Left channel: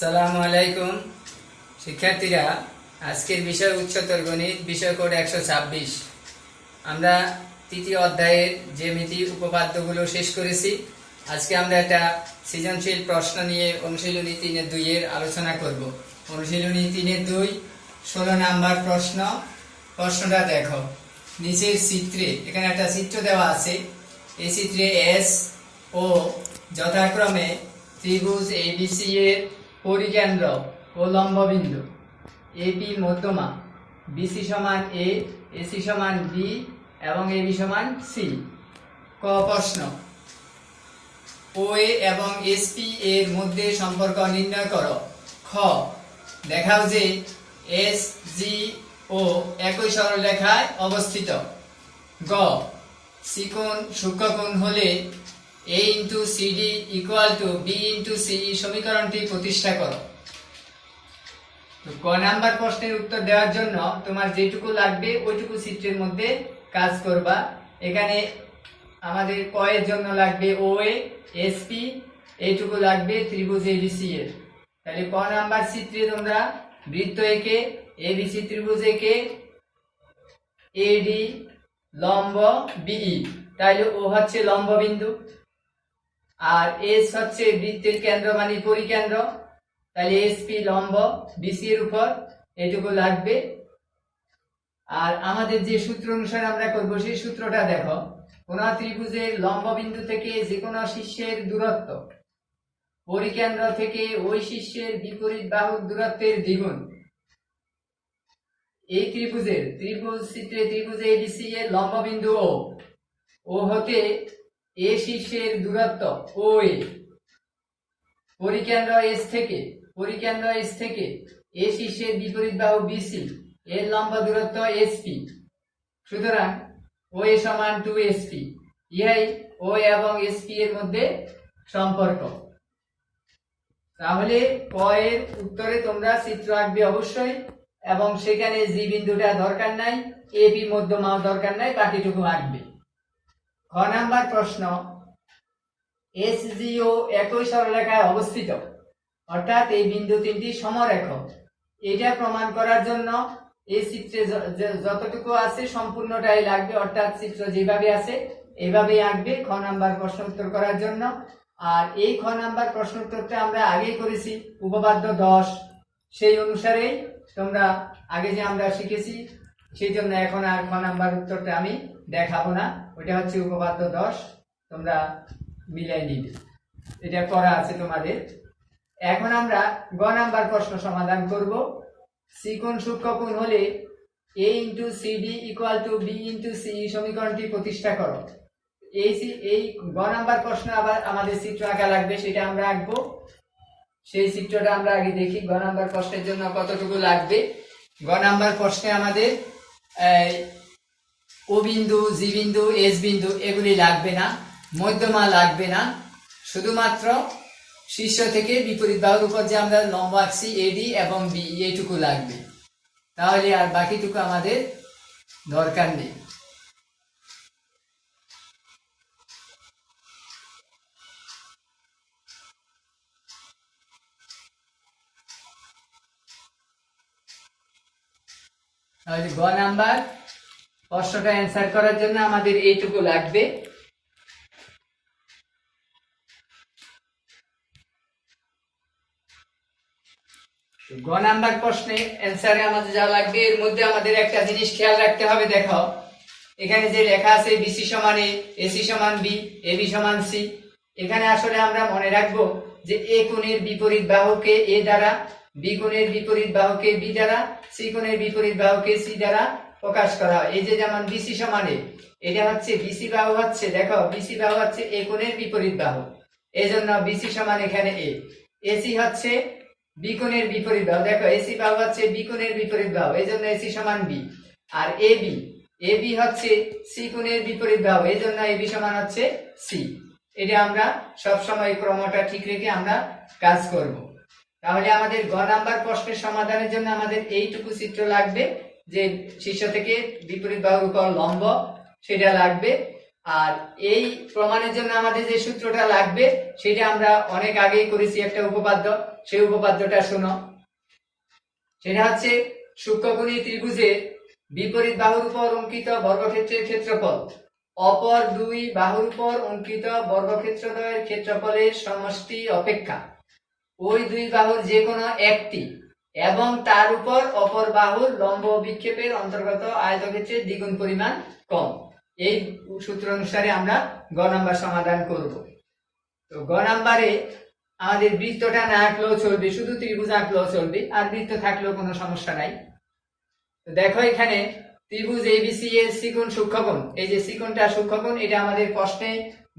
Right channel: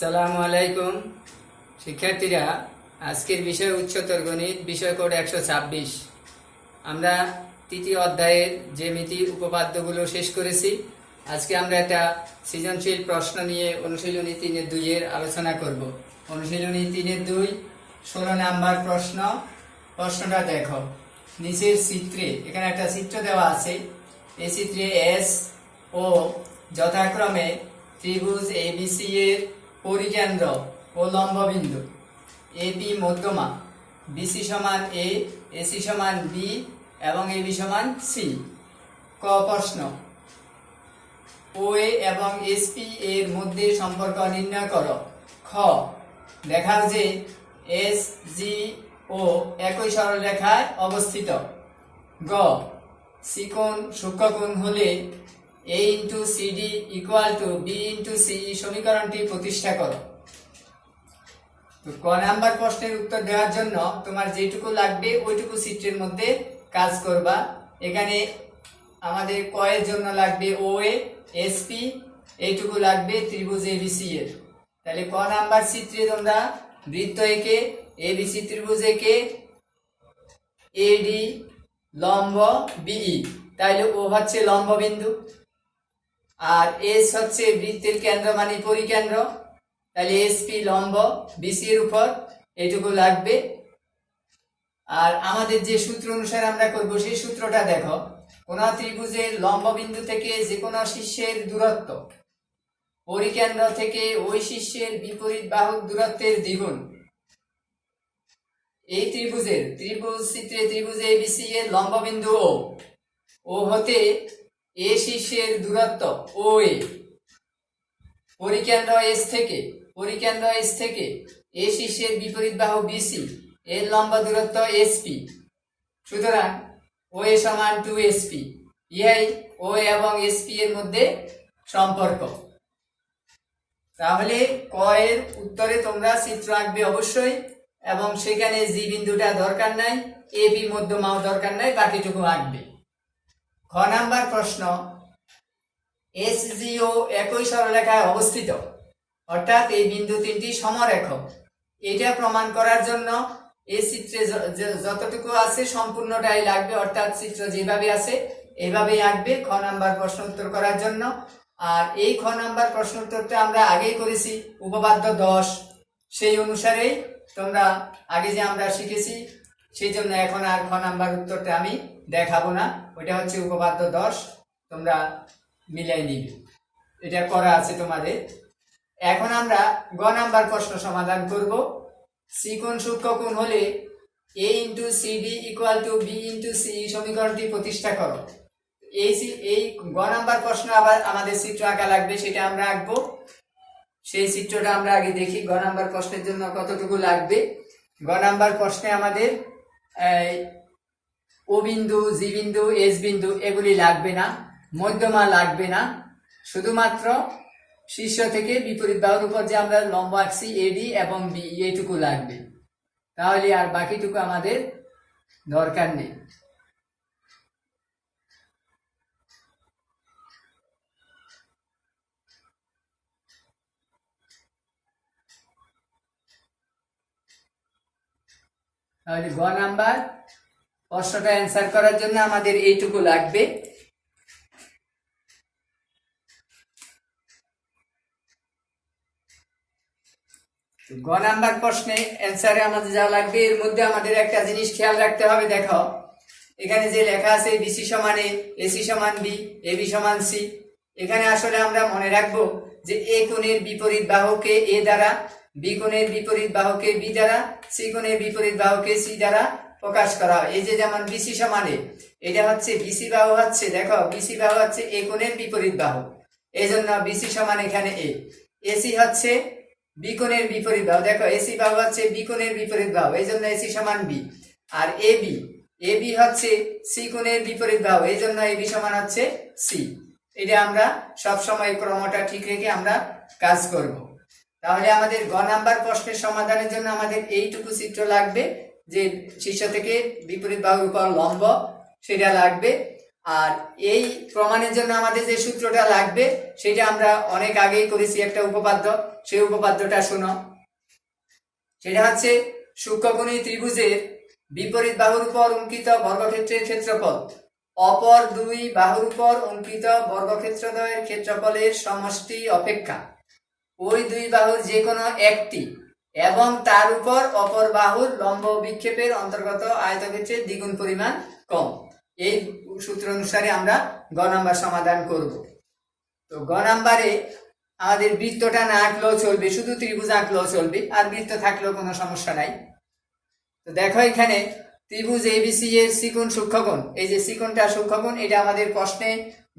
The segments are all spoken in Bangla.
আসসালামু আলাইকুম শিক্ষার্থীরা, আজকের বিষয় উচ্চতর গণিত, বিষয় কোড 126। আমরা তৃতীয় অধ্যায়ের জ্যামিতির উপপাদ্যগুলো শেষ করেছি। আজকে আমরা একটা সৃজনশীল প্রশ্ন নিয়ে অনুশীলনী 3-2 এর আলোচনা করব। অনুশীলনী 3-2, 16 নাম্বার প্রশ্ন। প্রশ্নটা দেখো, নিচের চিত্রে এখানে একটা চিত্র দেওয়া আছে। এই চিত্রে এস ও যথাক্রমে ত্রিভুজ এবিসি এর পরিকেন্দ্র ও লম্ববিন্দু, এপি মধ্যমা, বিসি সমান এ, এসি সমান বি এবং এবি সমান সি। ক প্রশ্ন, ও এ এবং এসপি এর মধ্যে সম্পর্ক নির্ণয় করো। খ দেখাও যে এস জি ও একই সরলরেখায় অবস্থিত। গ চিকোণ সূক্ষ্মকোণ হলে a into CD equal to B into C সমীকরণটি প্রতিষ্ঠা করো। তো ক নাম্বার প্রশ্নের উত্তর দেওয়ার জন্য তোমার যেটুকু লাগবে ওইটুকু চিত্রের মধ্যে কাজ করবা। এখানে আমাদের ক এর জন্য লাগবে ও এ এসপি, এইটুকু লাগবে ত্রিভুজ এবিসি এর। তাহলে ক নাম্বার চিত্রে তোমরা বৃত্ত এঁকে এবিসি ত্রিভুজ এঁকে এডি লম্ব বিই, তাহলে ও হচ্ছে লম্ব বিন্দু আর এস হচ্ছে বৃত্তের কেন্দ্র মানে পরিকেন্দ্র, তাহলে এসপি লম্ব বিসি এর উপর, এইটুকু লাগবে। আর আমাদের যে সূত্র অনুসারে আমরা করব সেই সূত্রটা দেখো, কোন ত্রিভুজের লম্ব বিন্দু থেকে যে কোনো শীর্ষের দূরত্ব পরিকেন্দ্র থেকে ওই শীর্ষের বিপরীত বাহুর দূরত্বের দ্বিগুণ। এই ত্রিভুজ চিত্রে ত্রিভুজ এবিসি এর লম্ব বিন্দু ও হতে এ শীর্ষের দূরত্ব ও এ, পরিকেন্দ্র এস থেকে এ শীর্ষের বিপরীত বাহু বিসি এর লম্ব দূরত্ব এসপি। সুতরাং ও এ সমান 2sp। ইহাই ও এবং এসপি এর মধ্যে সম্পর্ক। তাহলে ক এর উত্তরে তোমরা চিত্র আঁকবে অবশ্যই, এবং সেখানে জি বিন্দুটা দরকার নাই, এবি মধ্যমাও দরকার নাই, বাকিটুকু আঁকবে। খ নাম্বার প্রশ্ন, এস জি ও একই সরলরেখায় অবস্থিত, অর্থাৎ এই বিন্দু তিনটি সমরেখ। এটা প্রমাণ করার জন্য এই চিত্রে যতটুকু আছে সম্পূর্ণটাই লাগবে, অর্থাৎ চিত্র যেভাবে আছে এভাবেই আঁকবে খ নাম্বার প্রশ্ন উত্তর করার জন্য। আর এই খ নাম্বার প্রশ্ন উত্তরটা আমরা আগেই করেছি, উপপাদ্য 10, সেই অনুসারেই তোমরা আগে যে আমরা শিখেছি, সেই জন্য এখন আর খ নাম্বার উত্তরটা আমি দেখাবো না। ওইটা হচ্ছে উপপাদ্য 10, তোমরা মিলাই নিবে, এটা করা আছে তোমাদের। এখন আমরা গ নাম্বার প্রশ্ন সমাধান করব। চিকোণ সূক্ষ্মকোণ হলে a into CD equal to B into C সমীকরণটি প্রতিষ্ঠা করো। এই গ নাম্বার প্রশ্ন আবার আমাদের চিত্র আঁকা লাগবে, সেটা আমরা আঁকবো। সেই চিত্রটা আমরা আগে দেখি গ নাম্বার প্রশ্নের জন্য কতটুকু লাগবে। গ নাম্বার প্রশ্নে আমাদের ও বিন্দু, জি বিন্দু, এস বিন্দু এগুলি লাগবে না, মধ্যমা লাগবে না, শুধুমাত্র শীর্ষ থেকে বিপরীত বাহুর উপর যে আমরা লম্ব আঁকছি এডি এবং বি, এইটুকু লাগবে। তাহলে আর বাকিটুকু আমাদের দরকার নেই। তাহলে গ নাম্বার প্রশ্নটা অ্যান্সার করার জন্য আমাদের এইটুকু লাগবে। গ নাম্বার প্রশ্নে অ্যান্সারে আমাদের যা লাগবে, এর মধ্যে আমাদের একটা জিনিস খেয়াল রাখতে হবে। দেখো এখানে যে লেখা আছে বিসি সমান এ, এসি সমান বি, এবি সমান সি, এখানে আসলে আমরা মনে রাখবো যে এ কোণের বিপরীত বাহুকে এ দ্বারা, বি কোণের বিপরীত বাহুকে বি দ্বারা, সি কোণের বিপরীত বাহুকে সি দ্বারা প্রকাশ করা হয়। এই যে যেমন বিসি সমান এ, এটা হচ্ছে বিসি বাহু হচ্ছে, দেখো বিসি বাহু হচ্ছে এ কোণের বিপরীত বাহু, এই জন্য বিসি সমান এখানে এ। এসি হচ্ছে বি কোণের বিপরীত বাহু, দেখো এসি বাহু হচ্ছে বি কোণের বিপরীত বাহু, এই জন্য এসি সমান বি। আর এবি হচ্ছে সি কোণের বিপরীত বাহু, এই জন্য এবি সমান হচ্ছে সি। এটা আমরা সব সময় ক্রমটা ঠিক রেখে আমরা কাজ করব। তাহলে আমাদের গ নাম্বার প্রশ্নের সমাধানের জন্য আমাদের এইটুকু চিত্র লাগবে, যে শীর্ষ থেকে বিপরীত বাহুর উপর লম্ব, সেটা লাগবে। আর এই প্রমাণের জন্য আমাদের যে সূত্রটা লাগবে সেটা আমরা অনেক আগেই করেছি, একটা উপপাদ্য। সেই উপপাদ্যটা শোনো। সেটা হচ্ছে সূক্ষ্মকোণী ত্রিভুজের বিপরীত বাহুর উপর অঙ্কিত বর্গক্ষেত্রের ক্ষেত্রফল অপর দুই বাহুর উপর অঙ্কিত বর্গক্ষেত্রদ্বয়ের ক্ষেত্রফলের সমষ্টি অপেক্ষা ওই দুই বাহুর যে কোনো একটি এবং তার উপর অপর বাহুর লম্ব বিক্ষেপের অন্তর্গত আয়তক্ষেত্রের দ্বিগুণ পরিমাণ কম। এই সূত্র অনুসারে আমরা গ নাম্বার সমাধান করব। তো গ নাম্বারে আমাদের বৃত্তটা না আঁকলেও চলবে, শুধু ত্রিভুজ আঁকলেও চলবে, আর বৃত্ত থাকলেও কোনো সমস্যা নাই। তো দেখো এখানে ত্রিভুজ এবিসি এর চিকোণ সূক্ষ্মকোণ, এই যে চিকোণটা সূক্ষ্মকোণ, এটা আমাদের প্রশ্নে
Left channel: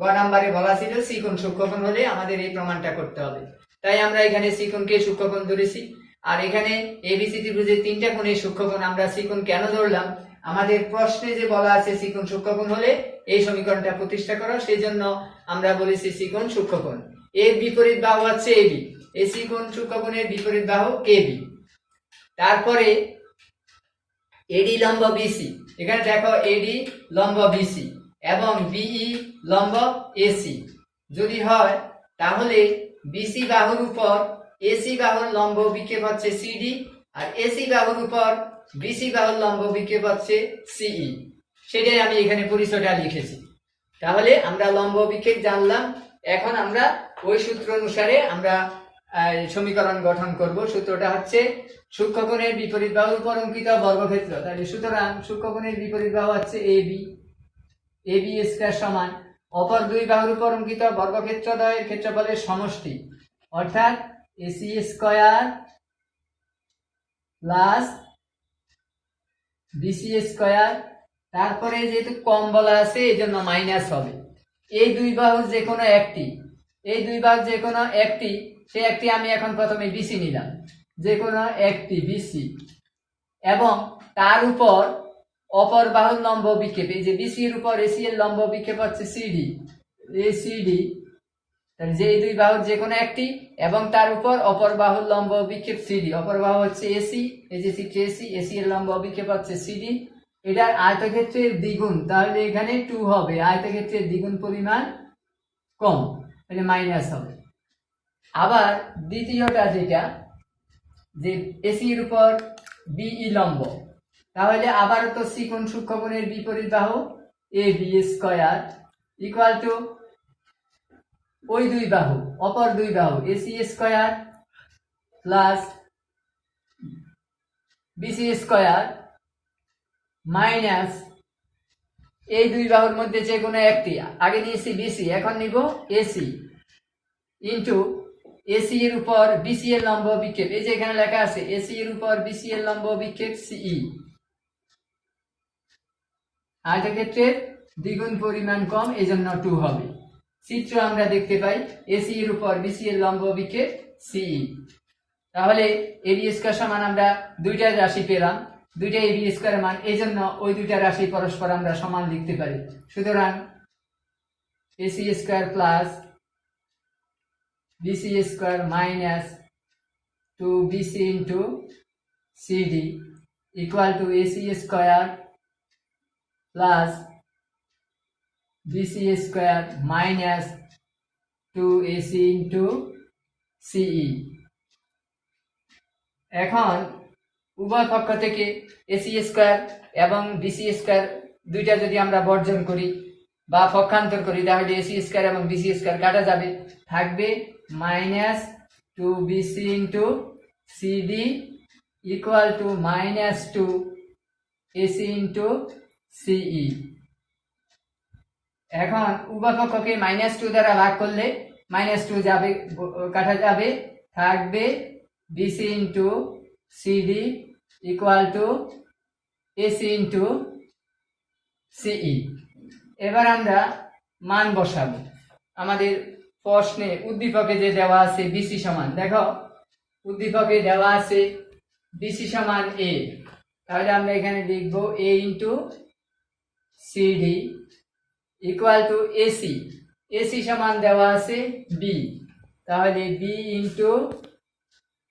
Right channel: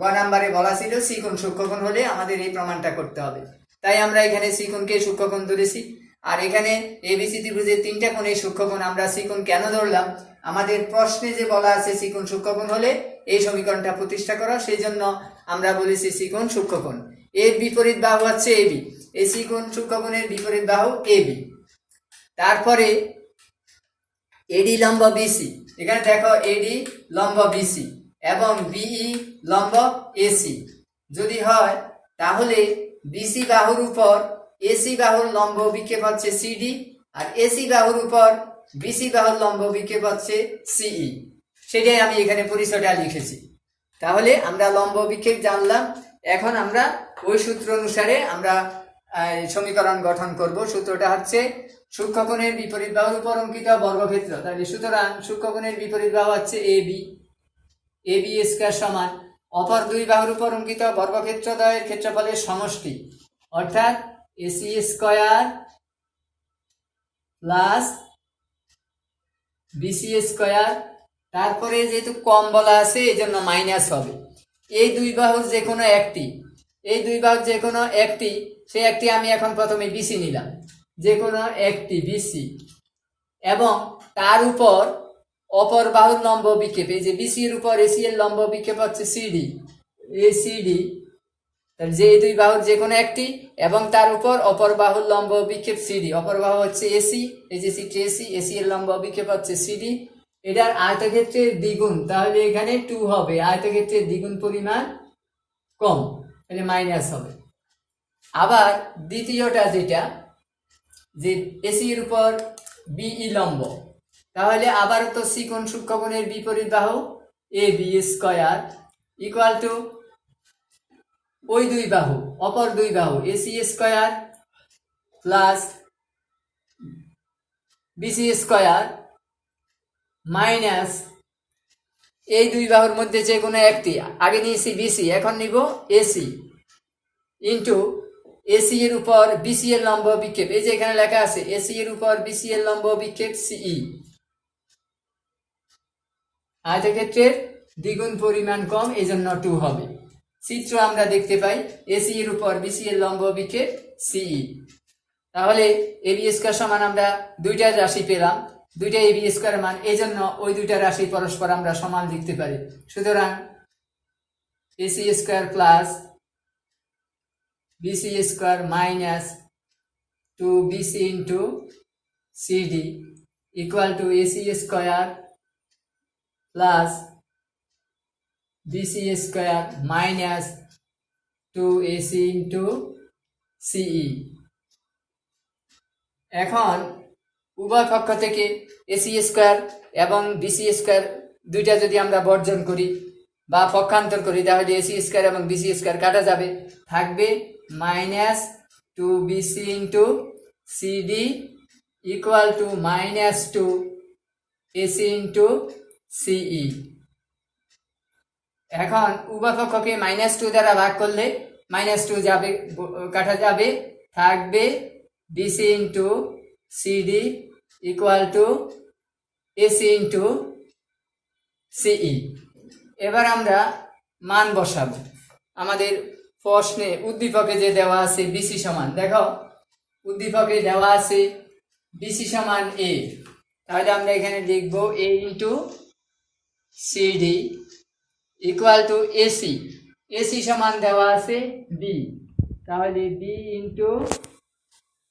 গ নাম্বারে বলা ছিল চিকোণ সূক্ষ্মকোণ হলে আমাদের এই প্রমাণটা করতে হবে। তাই আমরা এখানে চিকোণকে সূক্ষ্মকোণ ধরেছি। আর এখানে এবিসি ত্রিভুজের তিনটা কোণে সূক্ষ্মকোণ, আমরা চিকোণ কেন ধরলাম? আমাদের প্রশ্নে যে বলা আছে চিকোণ সূক্ষ্মকোণ হলে এই সমীকরণটা প্রতিষ্ঠা করো, সেই জন্য আমরা বলেছি চিকোণ সূক্ষ্মকোণ। এর বিপরীত বাহু হচ্ছে এবি, এই চিকোণ সূক্ষ্মকোণের বিপরীত বাহু এবি। তারপরে এডি লম্ব বিসি, এখানে দেখো এডি লম্ব বিসি এবং বিই লম্ব এসি যদি হয়, তাহলে বিসি বাহুর উপর এসি বাহুর লম্ব বিক্ষেপ হচ্ছে সিডি, আর এসি বাহুর উপর বিসি বাহুর লম্ব বিক্ষেপ হচ্ছে সিই। সেটাই আমি এখানে পরিচয়টা লিখেছি। তাহলে আমরা লম্ব বিক্ষেপ জানলাম। এখন আমরা ওই সূত্র অনুসারে আমরা সমীকরণ গঠন করব। সূত্রটা হচ্ছে সূক্ষ্মকোণের বিপরীত বাহুর উপর অঙ্কিত বর্গক্ষেত্র। তাহলে সুতরাং সূক্ষ্মকোণের বিপরীত বাহু হচ্ছে এবি, এবি স্কয়ার সমান অপর দুই বাহুর উপর অঙ্কিত বর্গক্ষেত্রদ্বয়ের ক্ষেত্রফলের সমষ্টি, অর্থাৎ AC square plus BC square. তারপরে যেহেতু কম বলা আছে এই জন্য মাইনাস হবে। এই দুই বাহুর যে কোনো একটি, এই দুই বাহুর যে কোনো একটি, সে একটি আমি এখন প্রথমে বিসি নিলাম, যে কোনো একটি বিসি, এবং তার উপর অপর বাহুর লম্ব বিক্ষেপ, এই যে বিসি এর উপর এসি এর লম্ব বিক্ষেপ হচ্ছে সিডি, এসিডি, যে এই দুই বাহুর যে কোনো একটি এবং তার উপর অপর বাহুর লম্ব বিক্ষেপ সিডি, অপর বাহু হচ্ছে এসি, এই যে সিটি এসি, এসি এর লম্ব বিক্ষেপ হচ্ছে সিডি, এটার আয়তক্ষেত্রের দ্বিগুণ, তাহলে এখানে 2 হবে, আয়তক্ষেত্রের দ্বিগুণ পরিমাণ কম, তাহলে মাইনাস হবে। আবার দ্বিতীয়টা যেটা, যে এসি এর উপর বিই লম্ব, তাহলে আবার তো চিকোণ সূক্ষ্মকোণের বিপরীত বাহু A B square equal to ওই দুই বাহু, অপর দুই বাহু AC square plus BC square minus এই দুই বাহুর মধ্যে যে কোনো একটি, আগে নিয়েছি বিসি, এখন নিব এসি, ইন্টু এসি এর উপর বিসি এর লম্ব বিক্ষেপ, এই যে এখানে লেখা আছে এসি এর উপর বিসি এর লম্ব বিক্ষেপ সিই, আয়তক্ষেত্রের দ্বিগুণ পরিমাণ কম, এই জন্য 2 হবে। চিত্র আমরা দেখতে পাই এসি এর উপর বিসি এর লম্ব বিক্ষেপ সিই। তাহলে এবি স্কয়ার সমান আমরা দুইটার রাশি পেলাম, দুইটা এবি স্কয়ারের মান, এই জন্য ওই দুইটা রাশি পরস্পর আমরা সমান লিখতে পারি। সুতরাং AC square plus BC square minus 2bc into CD equal to AC square plus BC square minus 2ac into CE. এখন উভয় পক্ষ থেকে এসি স্কয়ার এবং বিসি স্কয়ার দুইটা যদি আমরা বর্জন করি বা পক্ষান্তর করি, তাহলে এসি স্কয়ার এবং বিসি স্কয়ার কাটা যাবে, থাকবে minus 2bc into CD equal to minus 2ac into CE. এখন উভয় পক্ষকে -2 দ্বারা ভাগ করলে -2 যাবে, কাটা যাবে, থাকবে BC into CD equal to AC into CE. এবার আমরা মান বসাবো। আমাদের প্রশ্নে উদ্দীপকে যে দেওয়া আছে বিসি সমান, দেখো উদ্দীপকে দেওয়া আছে বিসি সমান এ, তাহলে আমরা এখানে লিখব A into CD equal to AC, AC সমান দেওয়া আছে বি, তাহলে বি ইন্টু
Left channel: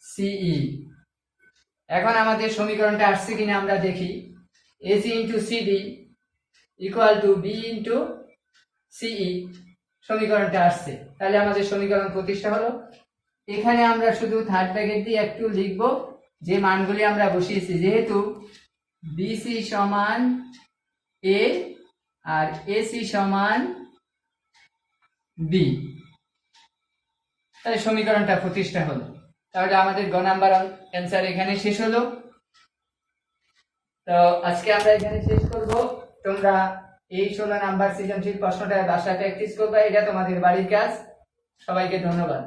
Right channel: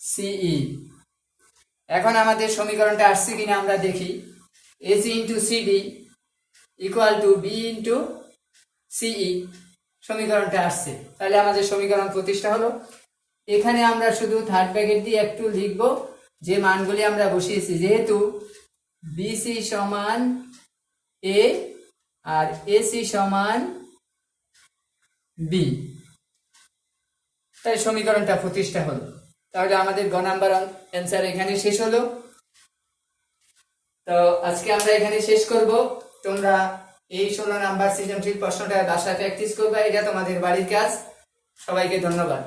সিই। এখন আমাদের সমীকরণটা আসছে কিনা আমরা দেখি। AC into CD equal to B into CE সমীকরণটা আসছে। তাহলে আমাদের সমীকরণ প্রতিষ্ঠা হলো। এখানে আমরা শুধু থার্ড ব্র্যাকেট দিয়ে একটু লিখব যে মানগুলি আমরা বসিয়েছি, যেহেতু বিসি সমান এ আর এসি সমান বি, তাই সমীকরণটা প্রতিষ্ঠা হলো। তাহলে আমাদের গ নাম্বার অ্যান্সার এখানে শেষ হলো। তো আজকে আমরা এখানে শেষ করব। তোমরা এই 16 নাম্বার সৃজনশীল প্রশ্নটা বাসায় প্র্যাকটিস করবে, এটা তোমাদের বাড়ির কাজ। সবাইকে ধন্যবাদ।